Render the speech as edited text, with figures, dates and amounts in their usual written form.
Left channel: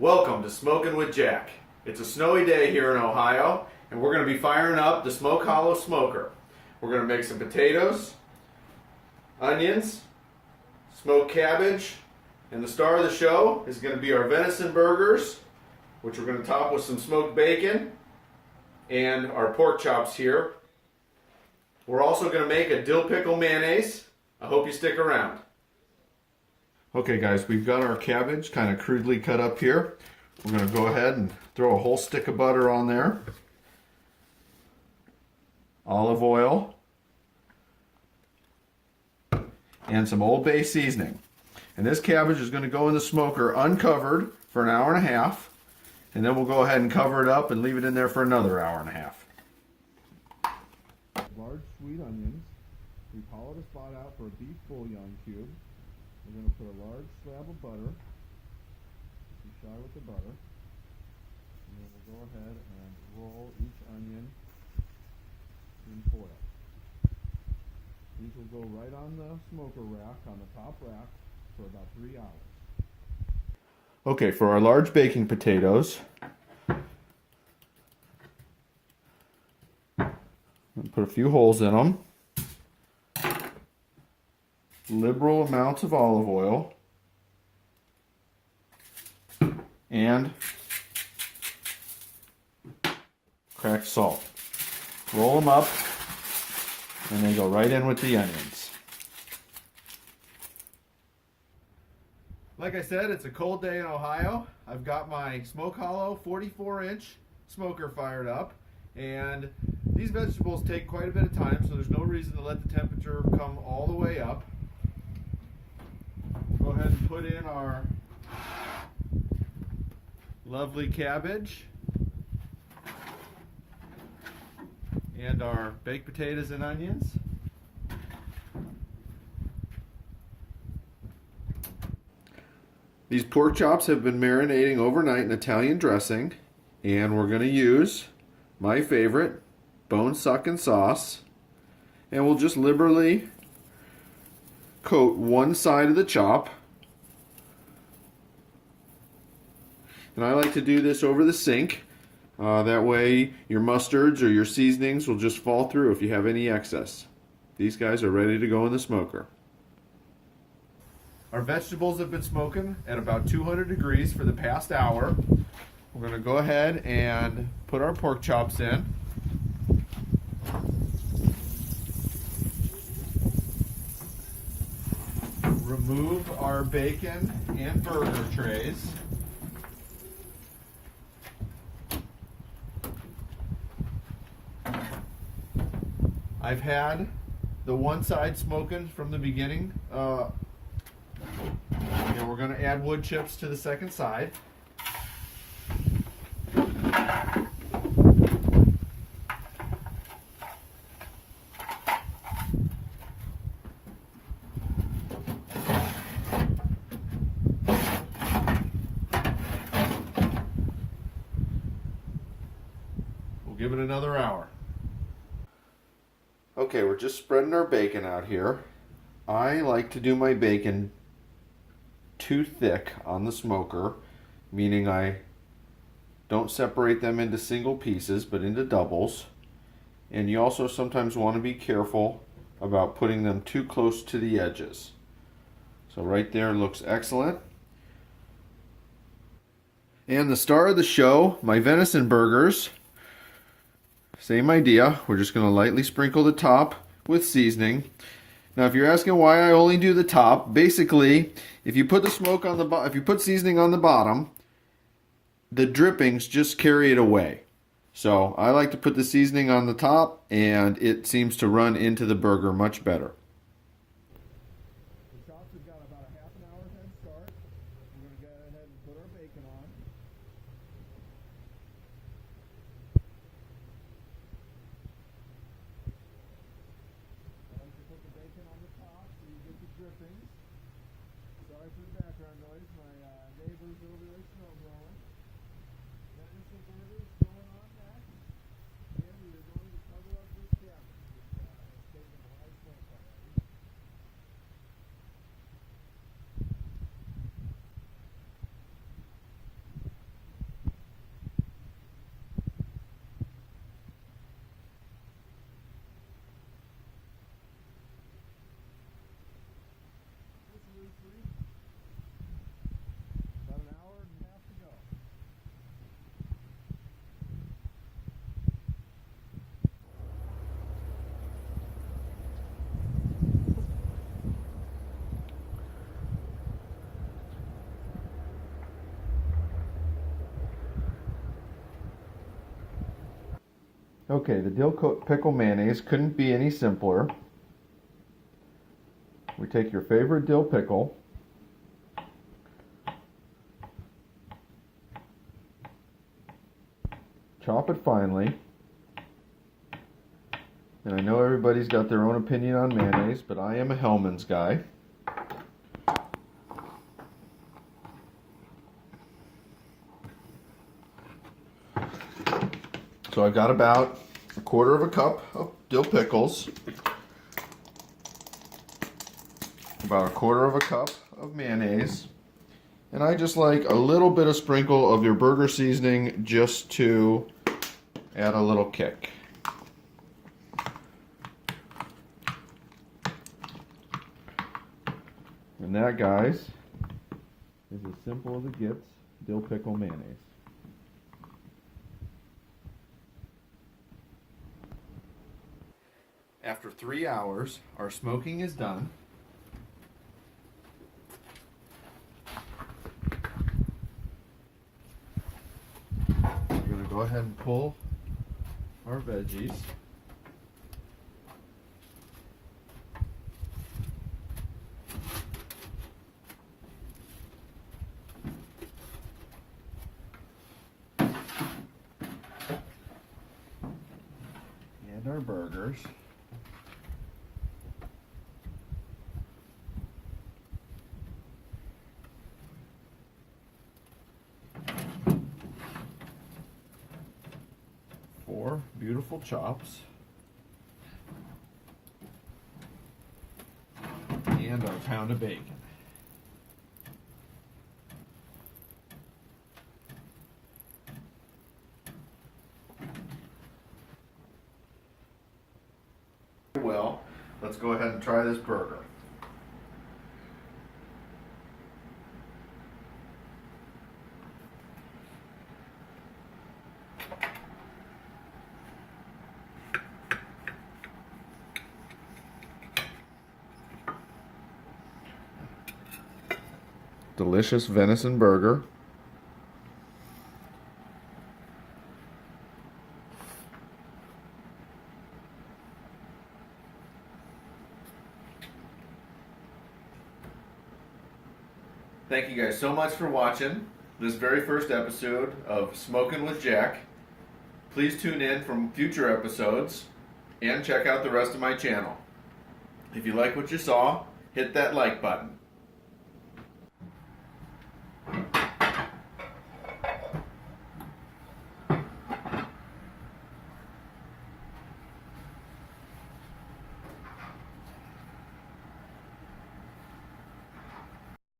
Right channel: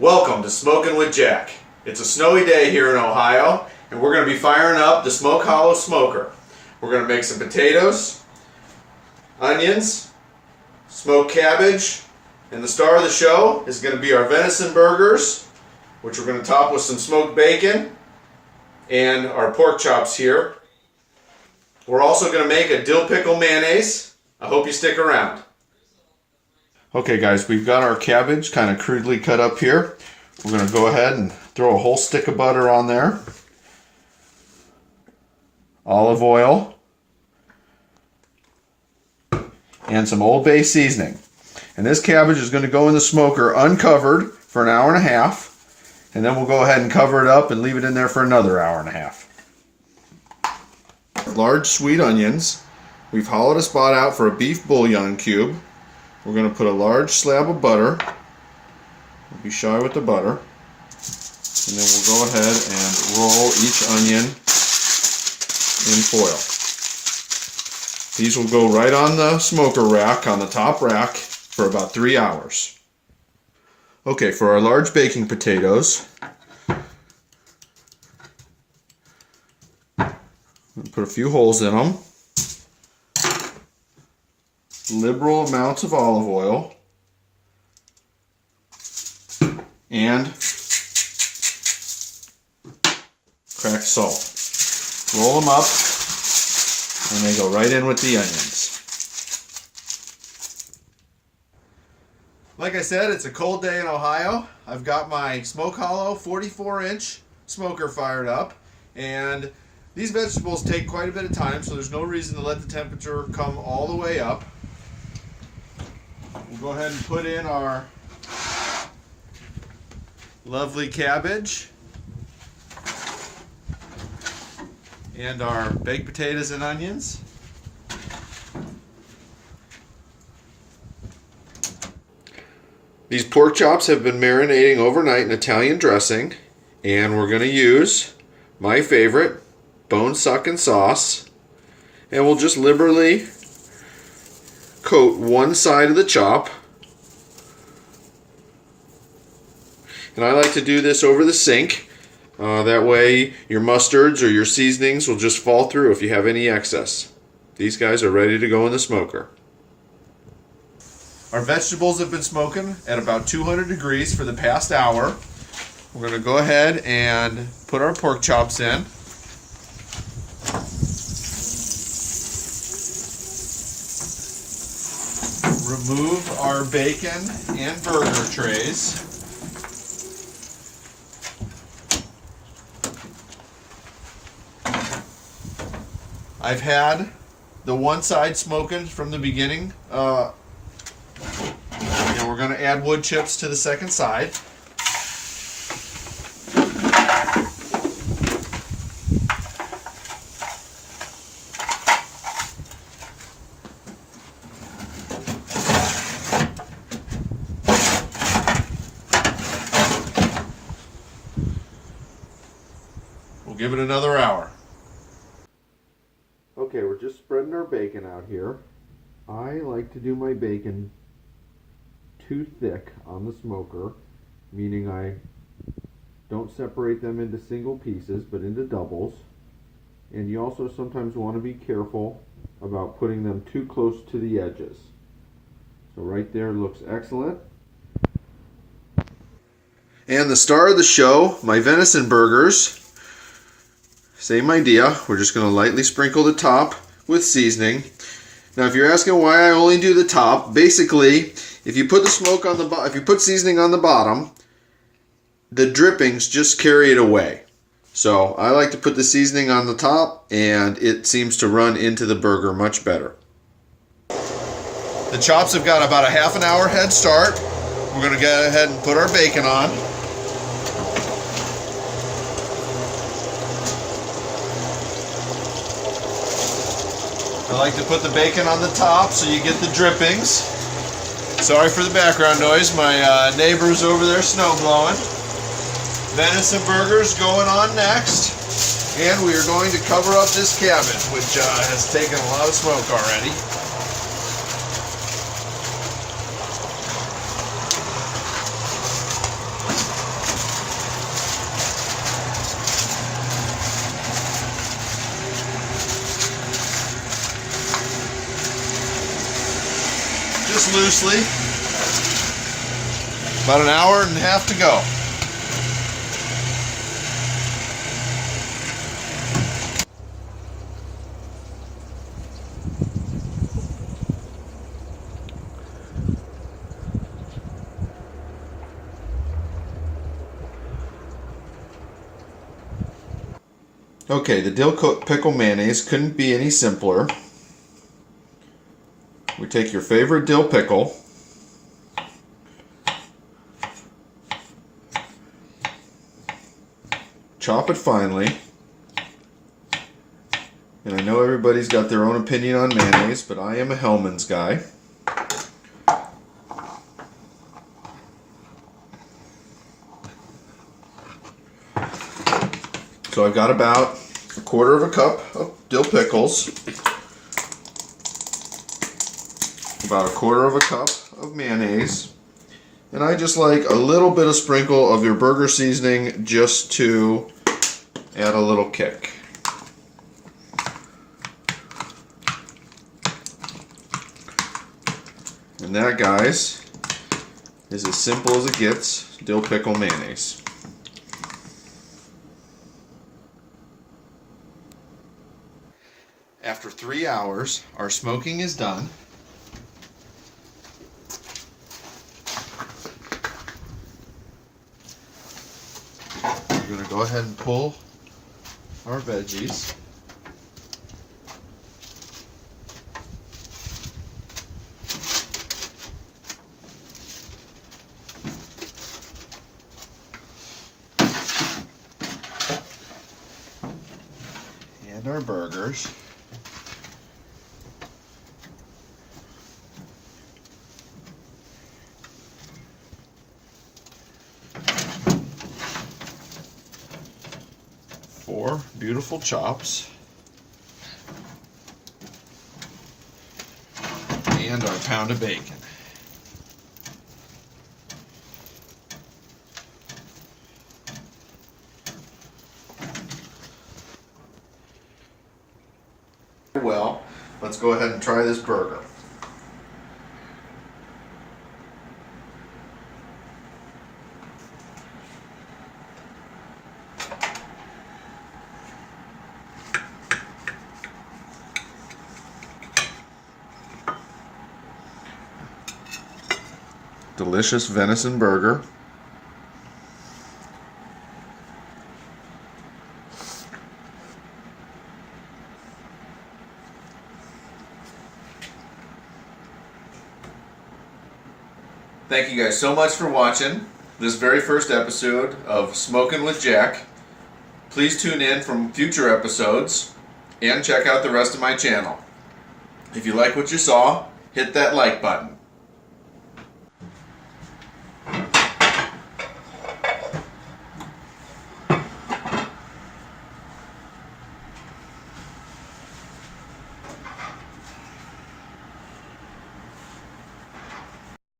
Welcome to Smokin' with Jack. It's a snowy day here in Ohio, and we're going to be firing up the Smoke Hollow Smoker. We're going to make some potatoes, onions, smoked cabbage, and the star of the show is going to be our venison burgers, which we're going to top with some smoked bacon and our pork chops here. We're also going to make a dill pickle mayonnaise. I hope you stick around. Okay guys, we've got our cabbage kind of crudely cut up here. We're going to go ahead and throw a whole stick of butter on there. Olive oil. And some Old Bay seasoning. And this cabbage is going to go in the smoker uncovered for an hour and a half. And then we'll go ahead and cover it up and leave it in there for another hour and a half. Large sweet onions. We've hollowed a spot out for a beef bouillon cube. We're going to put a large slab of butter. Don't be shy with the butter. And then we'll go ahead and roll each onion in foil. These will go right on the smoker rack, on the top rack, for about 3 hours. Okay, for our large baking potatoes, we'll put a few holes in them. Liberal amounts of olive oil and cracked salt. Roll them up and they go right in with the onions. Like I said, it's a cold day in Ohio. I've got my Smoke Hollow 44-inch smoker fired up, and these vegetables take quite a bit of time, so there's no reason to let the temperature come all the way up. We'll go ahead and put in our lovely cabbage and our baked potatoes and onions. These pork chops have been marinating overnight in Italian dressing, and we're going to use my favorite, Bone Suckin Sauce, and we'll just liberally coat one side of the chop. And I like to do this over the sink. That way your mustards or your seasonings will just fall through if you have any excess. These guys are ready to go in the smoker. Our vegetables have been smoking at about 200 degrees for the past hour. We're going to go ahead and put our pork chops in. Remove our bacon and burger trays. I've had the one side smoking from the beginning. And we're going to add wood chips to the second side. We'll give it another hour. Okay, we're just spreading our bacon out here. I like to do my bacon too thick on the smoker, meaning I don't separate them into single pieces but into doubles. And you also sometimes want to be careful about putting them too close to the edges. So right there looks excellent. And the star of the show, my venison burgers. Same idea. We're just going to lightly sprinkle the top with seasoning. Now, if you're asking why I only do the top, basically, if you put the smoke on the if you put seasoning on the bottom, the drippings just carry it away. So I like to put the seasoning on the top, and it seems to run into the burger much better. The chops have got about a half an hour head start. We're going to go ahead and put our bacon on. I like to put the bacon on the top so you get the drippings. Sorry for the background noise. My neighbor's over there snow blowing. Venison burgers going on next. And we are going to cover up this cabbage, which has taken a lot of smoke already. mix loosely. About an hour and a half to go. Okay, the dill pickle mayonnaise couldn't be any simpler. We take your favorite dill pickle, chop it finely, and I know everybody's got their own opinion on mayonnaise, but I am a Hellmann's guy. So I've got about a quarter of a cup of dill pickles, about a quarter of a cup of mayonnaise, and I just like a little bit of sprinkle of your burger seasoning just to add a little kick. And that, guys, is as simple as it gets, dill pickle mayonnaise. After 3 hours, our smoking is done. We're going to go ahead and pull our veggies. And our burgers. Four beautiful chops. And our pound of bacon. Well, let's go ahead and try this burger. Delicious venison burger. Thank you guys so much for watching this very first episode of Smokin' with Jack. Please tune in from future episodes and check out the rest of my channel. If you like what you saw, hit that like button.